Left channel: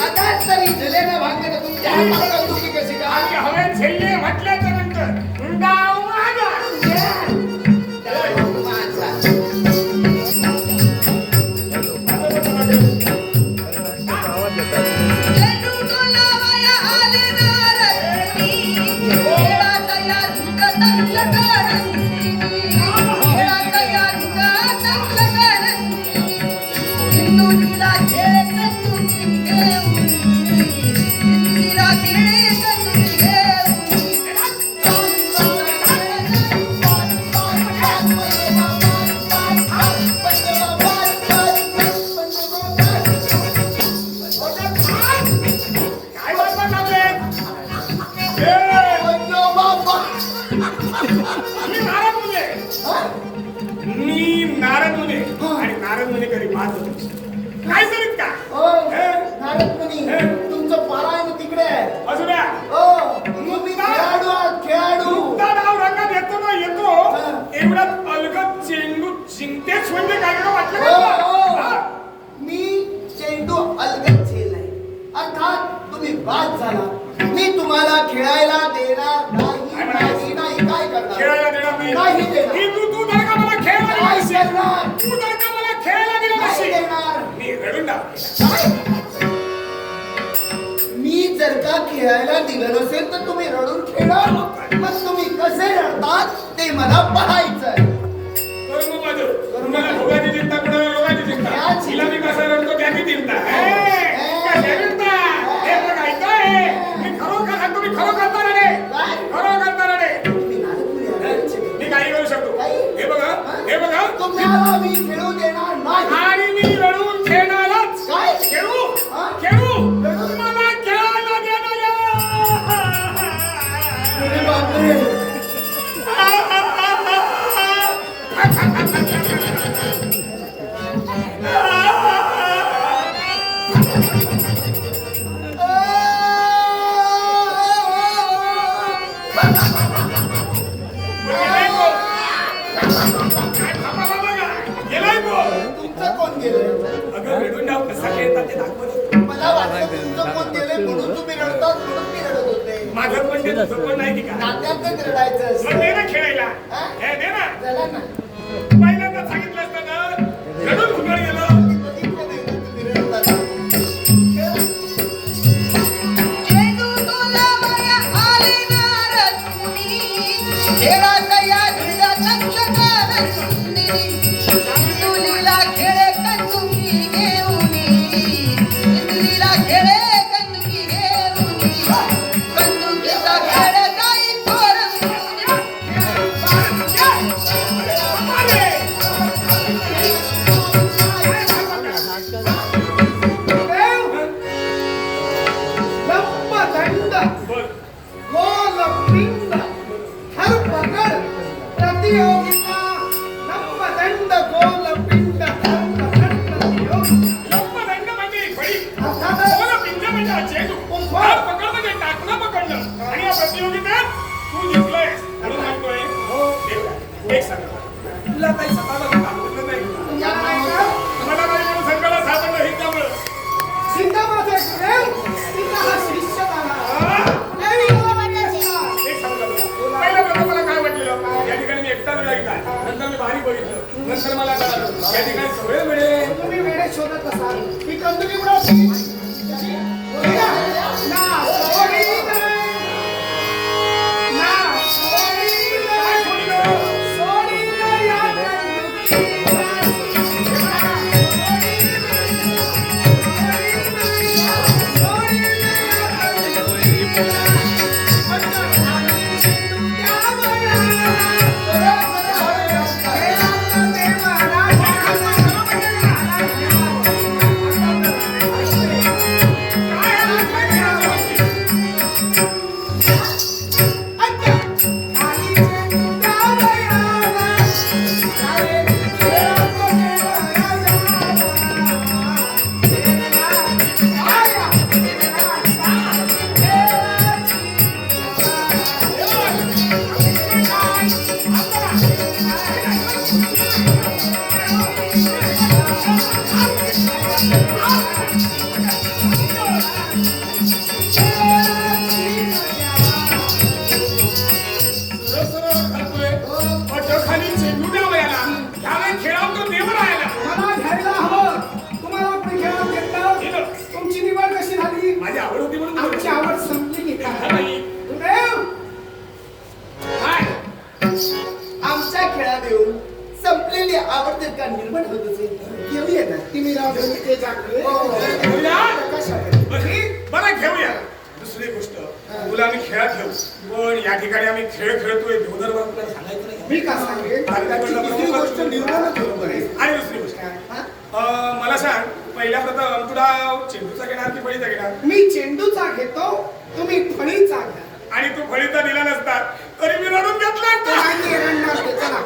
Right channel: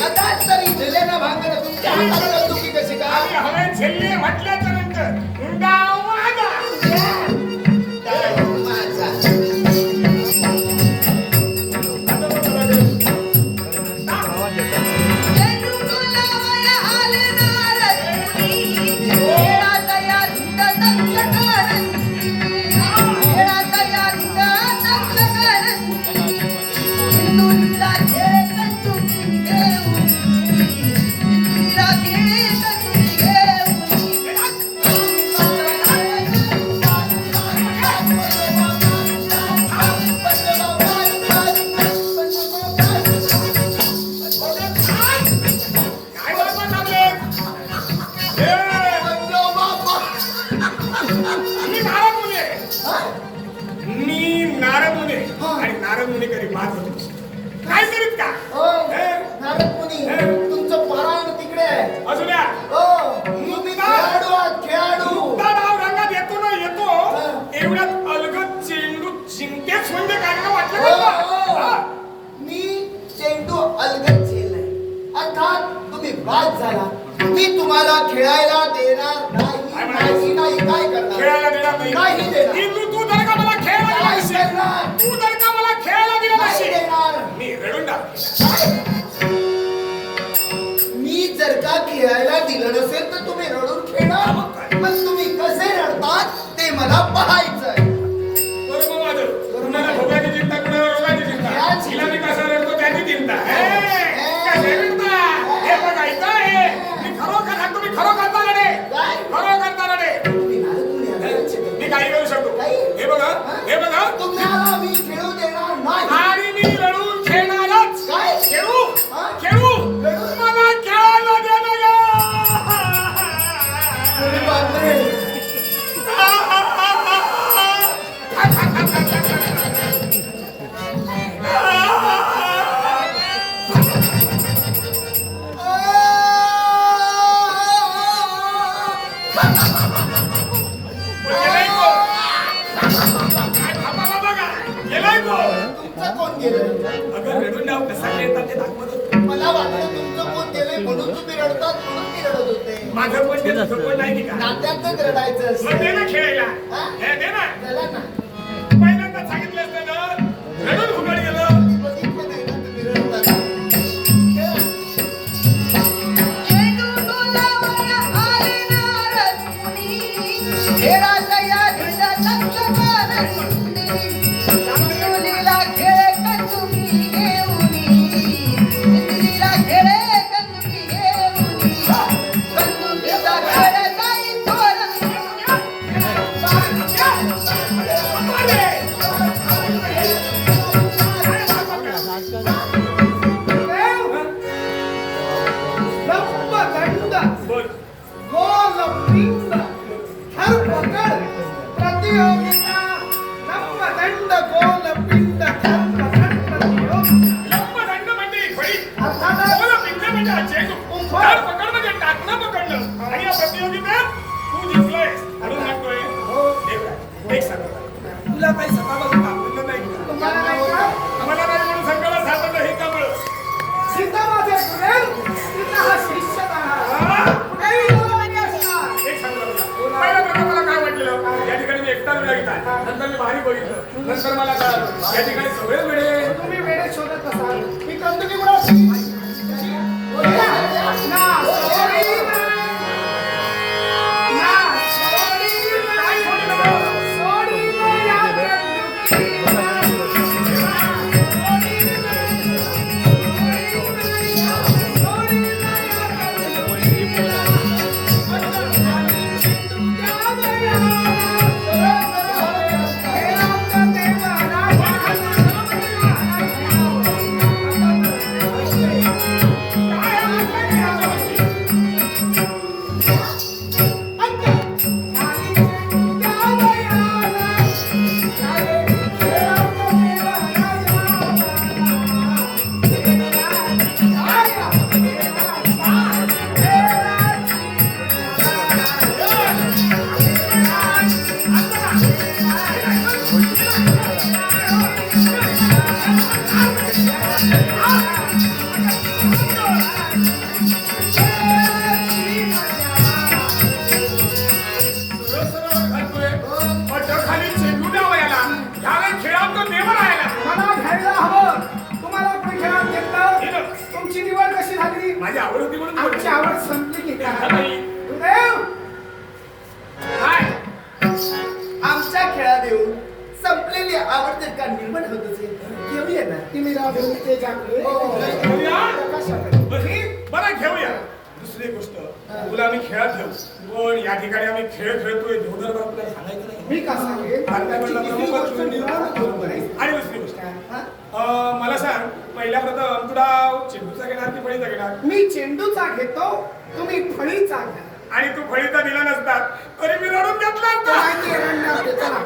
आज तरी आता तरी तुमच्या हाताला कशी काय? झेलले म्हटल्याच्या नंतर मी नारद मुने मी नारद मुने आणि नारद मुने कधी पाहत होतो काय करीत का तुमचं पारायण तिकडे. आहे असू द्या. हो. तुम्ही खेळाडू आहात खेळाडू. मुक्ता डाव रंगात येतो ना येतो. हा. एवढ्यात अलगद चेंडू जिंकतेच म्हणजे काय? का वाटलं हो, का? तुला? हो. हा? मी चेंडू अलगद झेललाय अर्थात तुम्ही बाद झाला. मी तुम्हाला खेळायला देणार काय नाही. काय खेळायला देणार नाही नाही देणार. इंदू तू जर का मला खेळायला दिला काय नसेल, करणार तू जर का मला खेळायला दिला नाही नसेल, देणार मी रडून टाकेन. काय? मी जर का खेळायला दिलं नसेल तर तुम्ही रडून खेळणार पण तुम्ही कसे रडतात ते मला पाहायचंय तुम्हाला अगं रडून डाव कसा खेळतात ते दाखवत होतो. मला वाटलं तुमचं कोण गेलंय म्हणून तुम्ही रडतात म्हणून मी रडत होते. माझं पण ते तुझं पण नाही की? नात्यातच रडायचं मग दे ना खेळायला. हा? हे दे ना. चला ना. ब्रह्मदंड बोल गोलपिंड धर्मगढ़ प्रतियोगिता ब्रह्मदंड गोलपिंड धर्मगढ़ प्रतियोगिता. लंबदंड म्हणजे फळी. अर्थात बोल पिंड म्हणजे हा चेंडू. धार पकड म्हणजे टाकणं पकडलं आणि या प्रतियोगितेत तू जिंकलोयस म्हणून म्हणतोय देवराज, एक सांग तुला काही स्वतःला सापडलं नाही? तुम्हाला नाही का? मला नाही म्हणून संघाला सापडलं हे त्यामुळं सीता माझे गुरुदेव सीता हा शिष्य एकटा वेळा घेतला नंतर मी भारी बघितलं. नंतर मला कळालं या ठिकाणी सगळे वेळे तुम्ही वेळे शोधत असाल ही कंदुकी कुणाची? आवड होती म्हणून आमची आवड संपली की? आमच्या खेळात येऊन संपलेली आवडते का निर्माण होत असेल घेऊया ना. ते हो. बरं बरं, घेऊया. दुसरी गोष्ट. तुला आम्ही खेळात घेऊ पण या ठिकाणी आम्ही खेळ खेळतोय. देवदर बरं तुला सांगायचं नाही. मी का सांगेन? आणि दुसरी गोष्ट. हा? मला सांग पहिल्या प्रथम तुला चेंडूचा घेणार की फळीचा घेणार? मी चेंडूचा घेतो तुम्ही फळीचा घ्या. आणि तू फळीचा दिला नसतात तरी मी रडून घेतला. माहिती रडणार चला.